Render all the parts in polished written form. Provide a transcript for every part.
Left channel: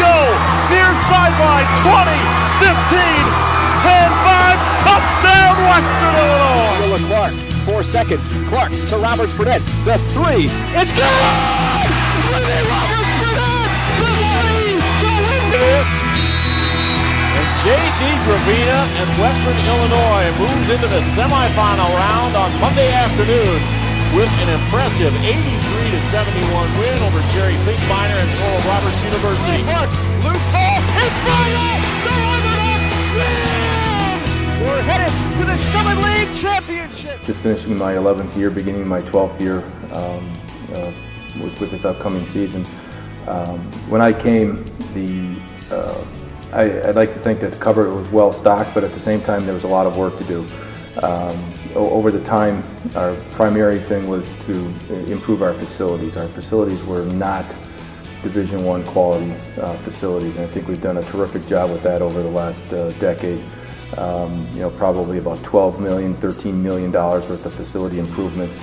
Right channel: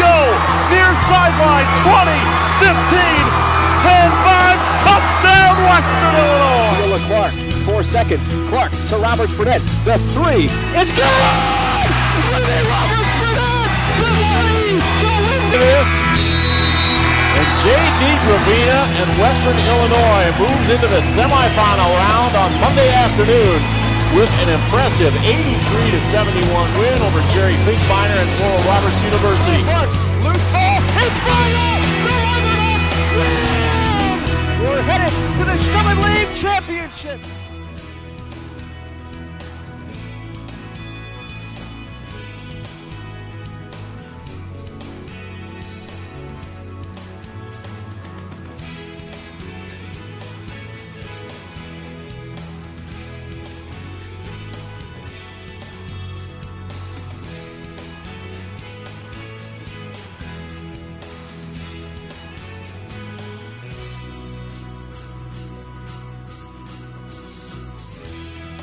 go. Near sideline, 20, 15, 10, 5, touchdown, Western Illinois. Willa Clark, 4 seconds. Clark to Roberts Burnett. The 3 is good! Roberts Burnett! The money to win this. And J.D. Gravina and Western Illinois moves into the semifinal round on Monday afternoon with an impressive 83-71 win over Jerry Finkbeiner and Oral Roberts University. Loose ball, it's final! The Leathernecks win! We're headed to the Summit League Championship. Just finishing my 11th year, beginning my 12th year with this upcoming season. When I came, I'd like to think that the cupboard was well stocked, but at the same time there was a lot of work to do. Over the time, our primary thing was to improve our facilities. Our facilities were not Division I quality facilities, and I think we've done a terrific job with that over the last decade. Probably about $12 million, $13 million worth of facility improvements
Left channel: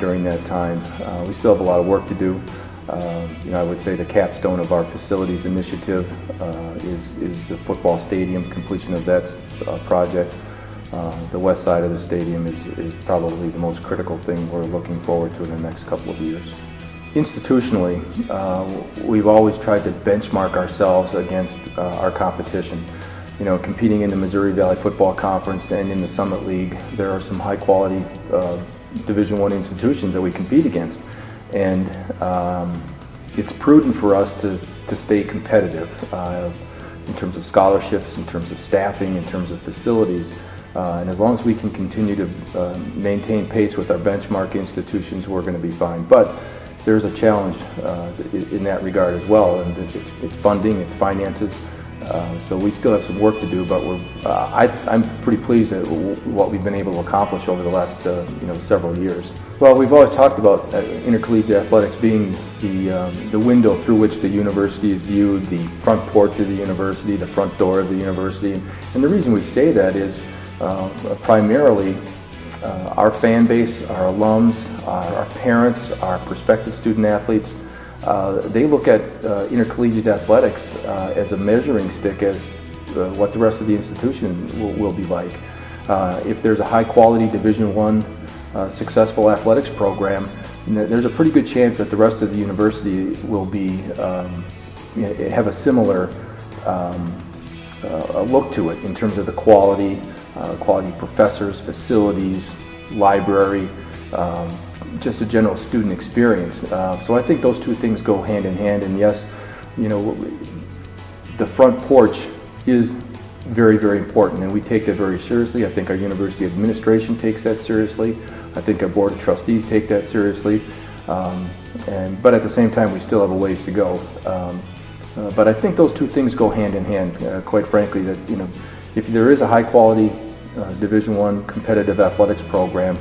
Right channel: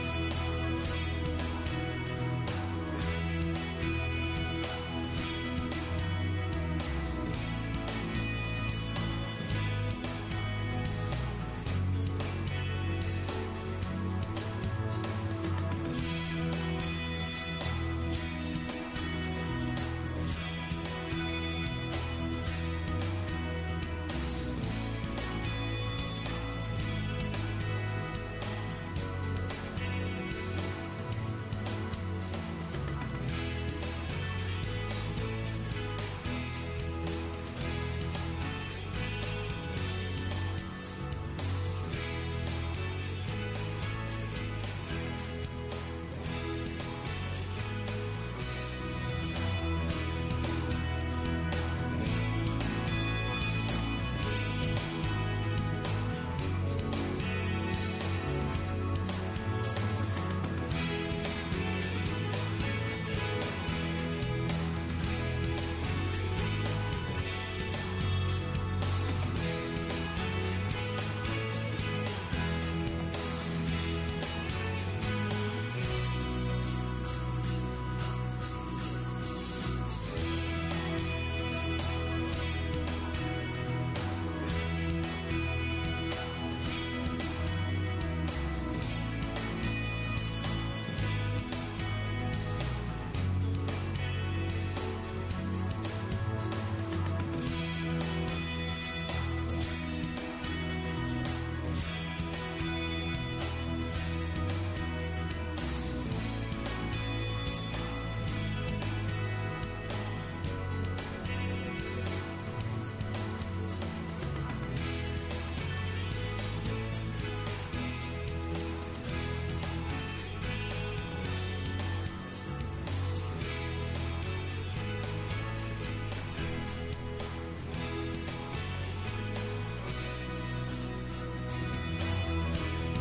during that time. We still have a lot of work to do. I would say the capstone of our facilities initiative is the football stadium, completion of that project. The west side of the stadium is probably the most critical thing we're looking forward to in the next couple of years. Institutionally, we've always tried to benchmark ourselves against our competition. Competing in the Missouri Valley Football Conference and in the Summit League, there are some high quality Division I institutions that we compete against. And it's prudent for us to stay competitive in terms of scholarships, in terms of staffing, in terms of facilities. And as long as we can continue to maintain pace with our benchmark institutions, we're going to be fine. But there's a challenge in that regard as well, and it's funding, it's finances. So we still have some work to do, but I'm pretty pleased at what we've been able to accomplish over the last several years. Well, we've always talked about intercollegiate athletics being the window through which the university is viewed, the front porch of the university, the front door of the university. And the reason we say that is primarily our fan base, our alums, our parents, our prospective student athletes, they look at intercollegiate athletics as a measuring stick as what the rest of the institution will be like. If there's a high quality Division I successful athletics program, there's a pretty good chance that the rest of the university will be have a similar look to it in terms of the quality of professors, facilities, library, just a general student experience. So I think those two things go hand in hand, and yes, the front porch is very, very important, and we take that very seriously. I think our university administration takes that seriously. I think our board of trustees take that seriously. But at the same time, we still have a ways to go. But I think those two things go hand in hand, quite frankly, that if there is a high quality Division I competitive athletics program,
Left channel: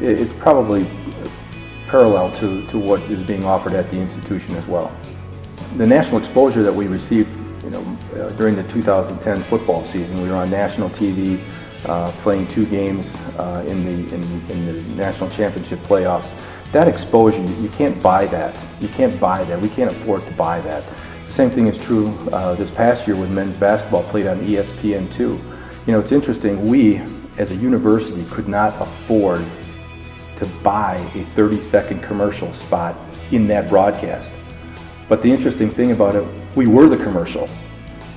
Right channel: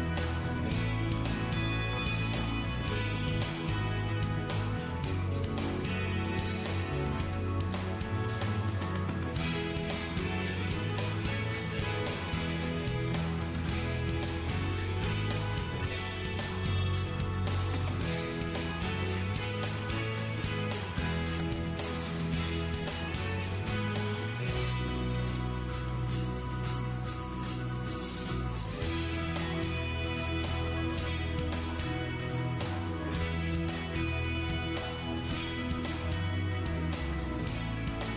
it's probably parallel to what is being offered at the institution as well. The national exposure that we received during the 2010 football season, we were on national TV playing 2 games in the national championship playoffs. That exposure, you can't buy that. You can't buy that. We can't afford to buy that. Same thing is true this past year when men's basketball played on ESPN2. It's interesting, we as a university could not afford to buy a 30-second commercial spot in that broadcast. But the interesting thing about it, we were the commercial.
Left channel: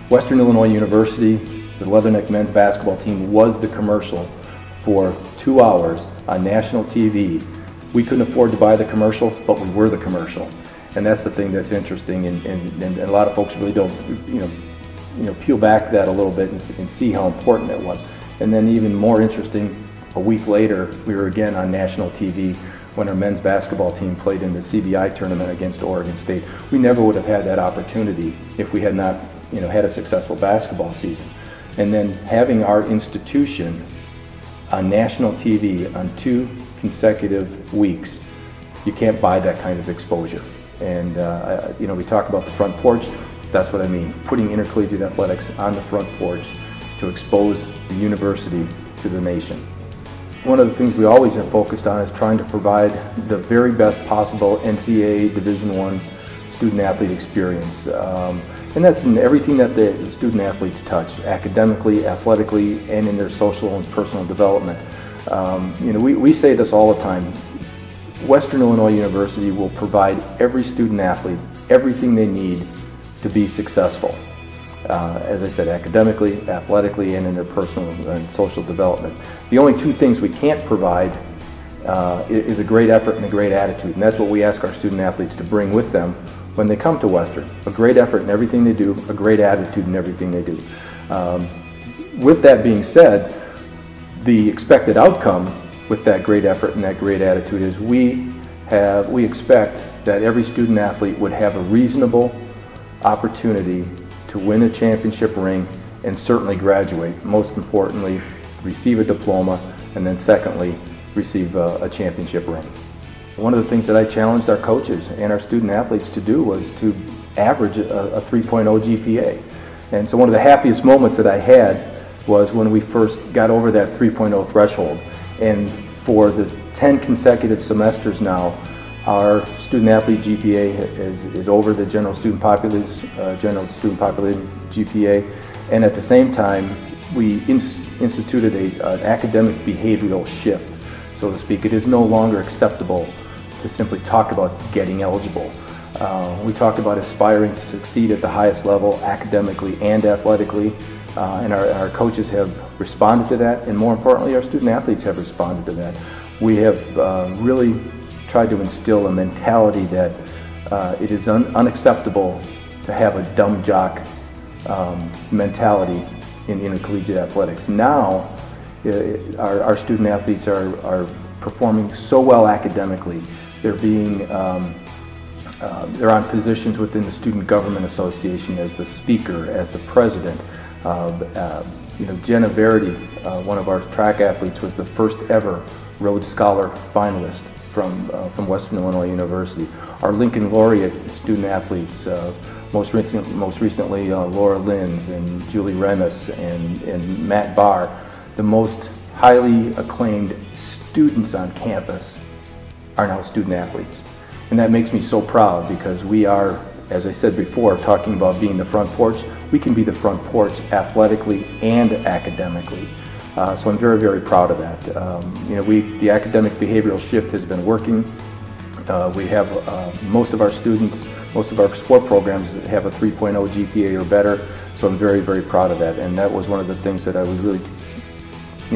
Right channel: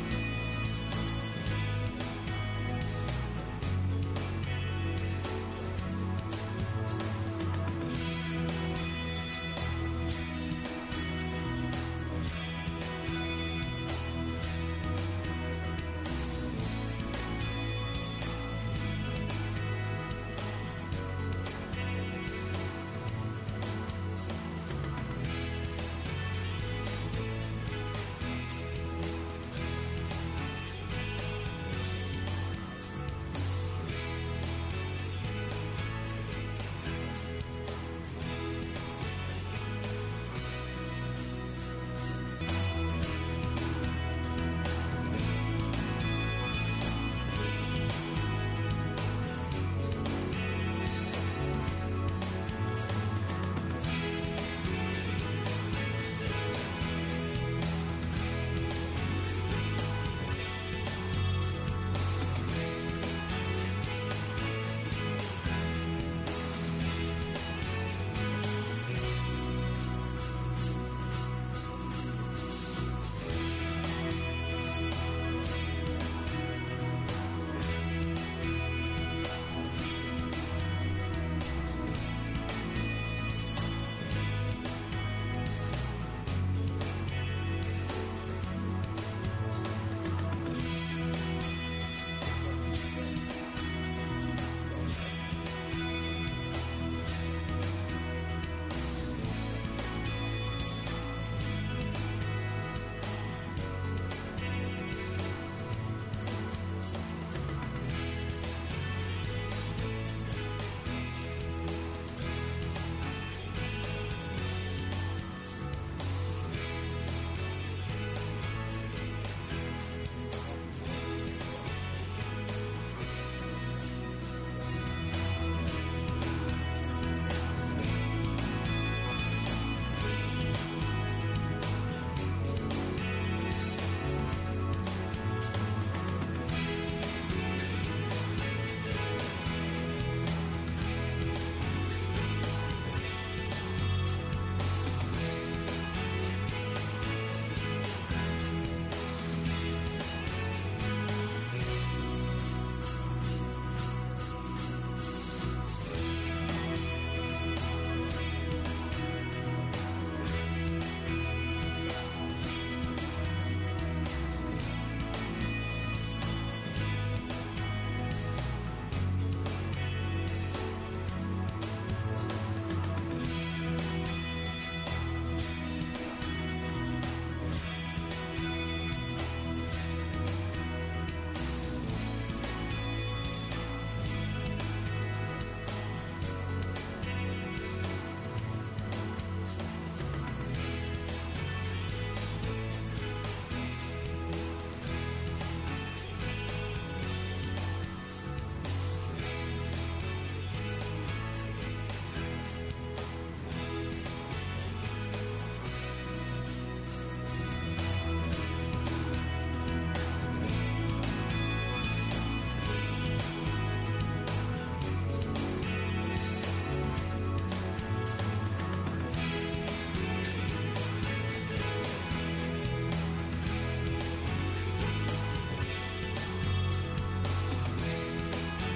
Western Illinois University, the Leatherneck men's basketball team, was the commercial for 2 hours on national TV. We couldn't afford to buy the commercial, but we were the commercial. And that's the thing that's interesting, and a lot of folks really don't peel back that a little bit and see how important that was. And then even more interesting, a week later, we were again on national TV when our men's basketball team played in the CBI tournament against Oregon State. We never would have had that opportunity if we had not had a successful basketball season. And then having our institution on national TV on 2 consecutive weeks, you can't buy that kind of exposure. And we talk about the front porch. That's what I mean, putting intercollegiate athletics on the front porch to expose the university to the nation. One of the things we always have focused on is trying to provide the very best possible NCAA Division I student-athlete experience. And that's in everything that the student-athletes touch, academically, athletically, and in their social and personal development. We say this all the time. Western Illinois University will provide every student-athlete everything they need to be successful. As I said, academically, athletically, and in their personal and social development. The only two things we can't provide is a great effort and a great attitude, and that's what we ask our student-athletes to bring with them when they come to Western. A great effort in everything they do, a great attitude in everything they do. With that being said, the expected outcome with that great effort and that great attitude is we expect that every student-athlete would have a reasonable opportunity to win a championship ring and certainly graduate. Most importantly, receive a diploma, and then secondly, receive a championship ring. One of the things that I challenged our coaches and our student athletes to do was to average a 3.0 GPA. And so one of the happiest moments that I had was when we first got over that 3.0 threshold. And for the 10 consecutive semesters now, our student-athlete GPA is over the general student populated GPA, and at the same time, we instituted an academic behavioral shift, so to speak. It is no longer acceptable to simply talk about getting eligible. We talk about aspiring to succeed at the highest level, academically and athletically, and our coaches have responded to that, and more importantly, our student-athletes have responded to that. We have really tried to instill a mentality that it is unacceptable to have a dumb jock mentality in intercollegiate athletics. Now, our student athletes are performing so well academically. They're on positions within the Student Government Association as the speaker, as the president. Jenna Verity, one of our track athletes, was the first ever Rhodes Scholar finalist from Western Illinois University. Our Lincoln Laureate student athletes, most recently Laura Linz and Julie Remus and Matt Barr, the most highly acclaimed students on campus, are now student athletes. And that makes me so proud because we are, as I said before, talking about being the front porch. We can be the front porch athletically and academically. So I'm very, very proud of that. The academic behavioral shift has been working. We have most of our students, most of our sport programs have a 3.0 GPA or better. So I'm very, very proud of that. And that was one of the things that I was really,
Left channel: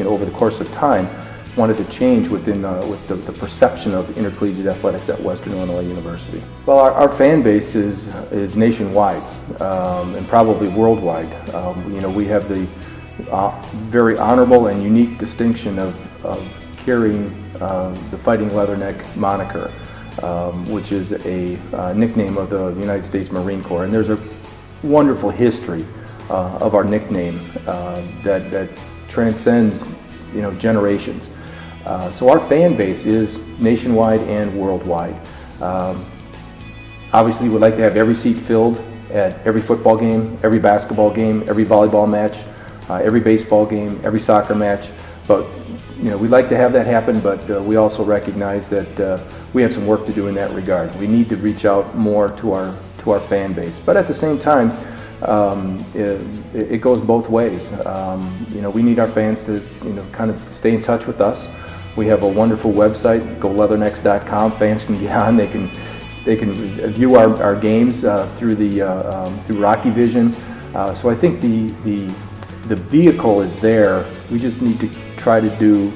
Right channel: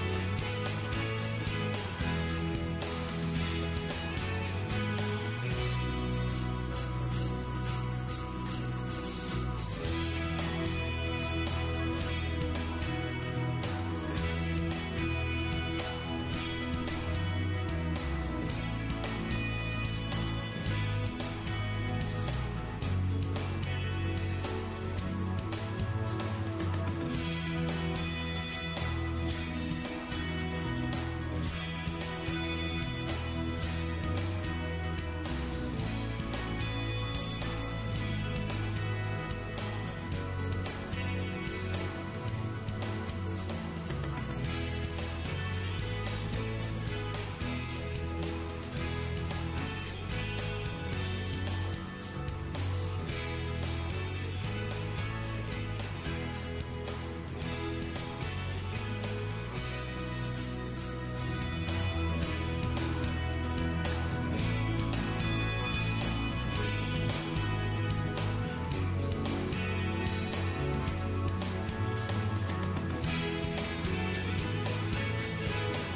over the course of time, wanted to change with the perception of intercollegiate athletics at Western Illinois University. Well, our fan base is nationwide and probably worldwide. We have the very honorable and unique distinction of carrying the Fighting Leatherneck moniker, which is a nickname of the United States Marine Corps. And there's a wonderful history of our nickname that transcends generations. So our fan base is nationwide and worldwide. Obviously, we'd like to have every seat filled at every football game, every basketball game, every volleyball match, every baseball game, every soccer match. But we'd like to have that happen, but we also recognize that we have some work to do in that regard. We need to reach out more to our fan base. But at the same time, it goes both ways. We need our fans to kind of stay in touch with us. We have a wonderful website, goleathernecks.com. Fans can get on. They can view our games through Rocky Vision. So I think the vehicle is there. We just need to try to do.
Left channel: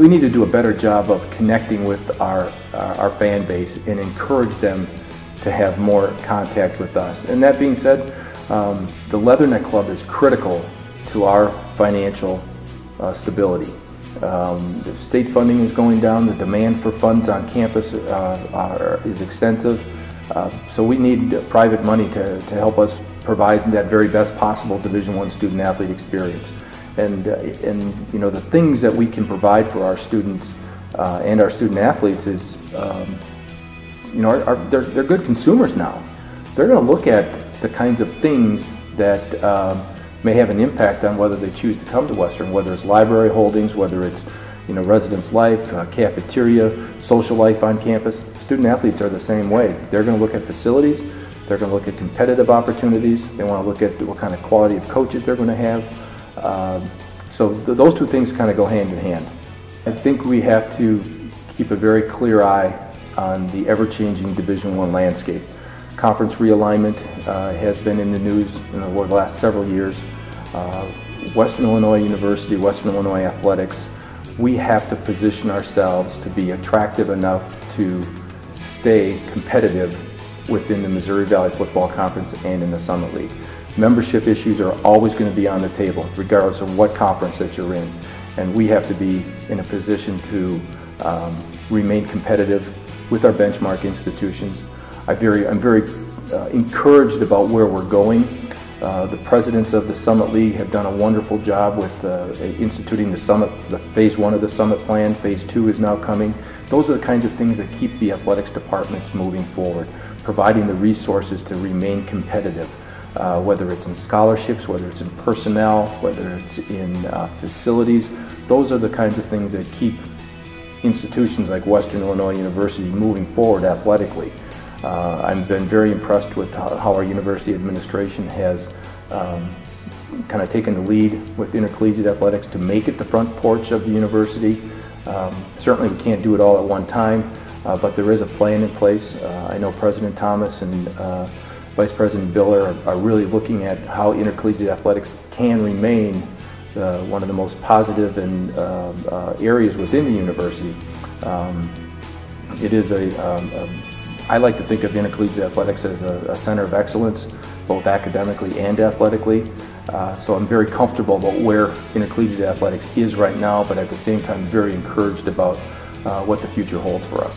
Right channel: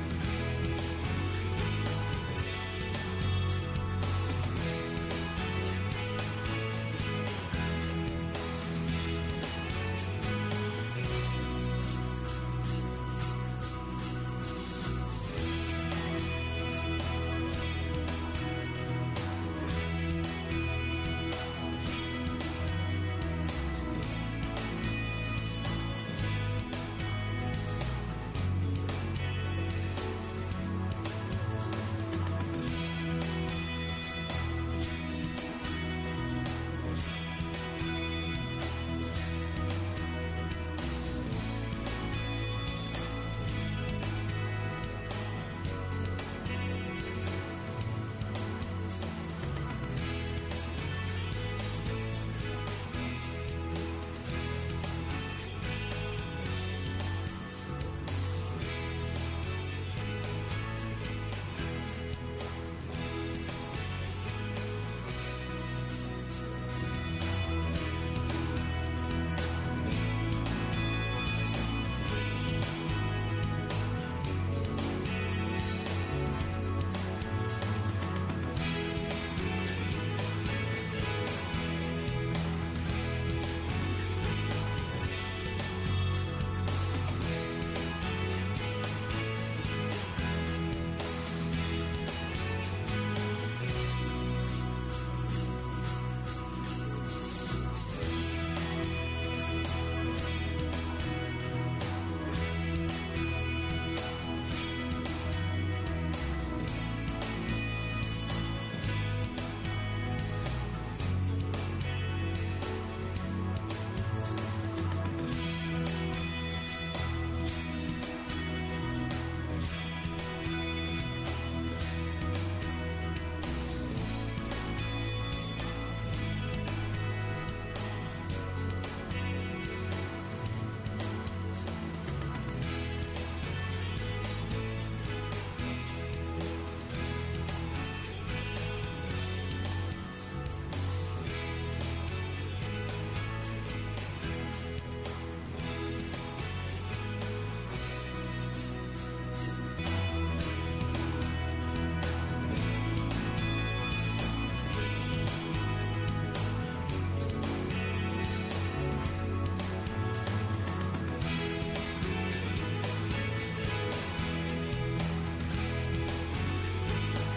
We need to do a better job of connecting with our fan base and encourage them to have more contact with us. And that being said, the Leatherneck Club is critical to our financial stability. The state funding is going down. The demand for funds on campus is extensive. So we need private money to help us provide that very best possible Division I student athlete experience. And the things that we can provide for our students and our student athletes is, they're good consumers now. They're going to look at the kinds of things that may have an impact on whether they choose to come to Western, whether it's library holdings, whether it's residence life, cafeteria, social life on campus. student athletes are the same way. They're going to look at facilities, they're going to look at competitive opportunities, they want to look at what kind of quality of coaches they're going to have. So those two things kind of go hand in hand. I think we have to keep a very clear eye on the ever-changing Division I landscape. Conference realignment has been in the news over the last several years. Western Illinois University, Western Illinois Athletics, we have to position ourselves to be attractive enough to stay competitive within the Missouri Valley Football Conference and in the Summit League. Membership issues are always going to be on the table, regardless of what conference that you're in. And we have to be in a position to remain competitive with our benchmark institutions. I'm very encouraged about where we're going. The presidents of the Summit League have done a wonderful job with instituting the Summit, the Phase 1 of the Summit Plan. Phase 2 is now coming. Those are the kinds of things that keep the athletics departments moving forward, providing the resources to remain competitive, whether it's in scholarships, whether it's in personnel, whether it's in facilities. Those are the kinds of things that keep institutions like Western Illinois University moving forward athletically. I've been very impressed with how our university administration has kind of taken the lead with intercollegiate athletics to make it the front porch of the university. Certainly we can't do it all at one time, but there is a plan in place. I know President Thomas and Vice President Biller are really looking at how intercollegiate athletics can remain one of the most positive and areas within the university. It is I like to think of intercollegiate athletics as a center of excellence, both academically and athletically. So I'm very comfortable about where intercollegiate athletics is right now, but at the same time very encouraged about what the future holds for us.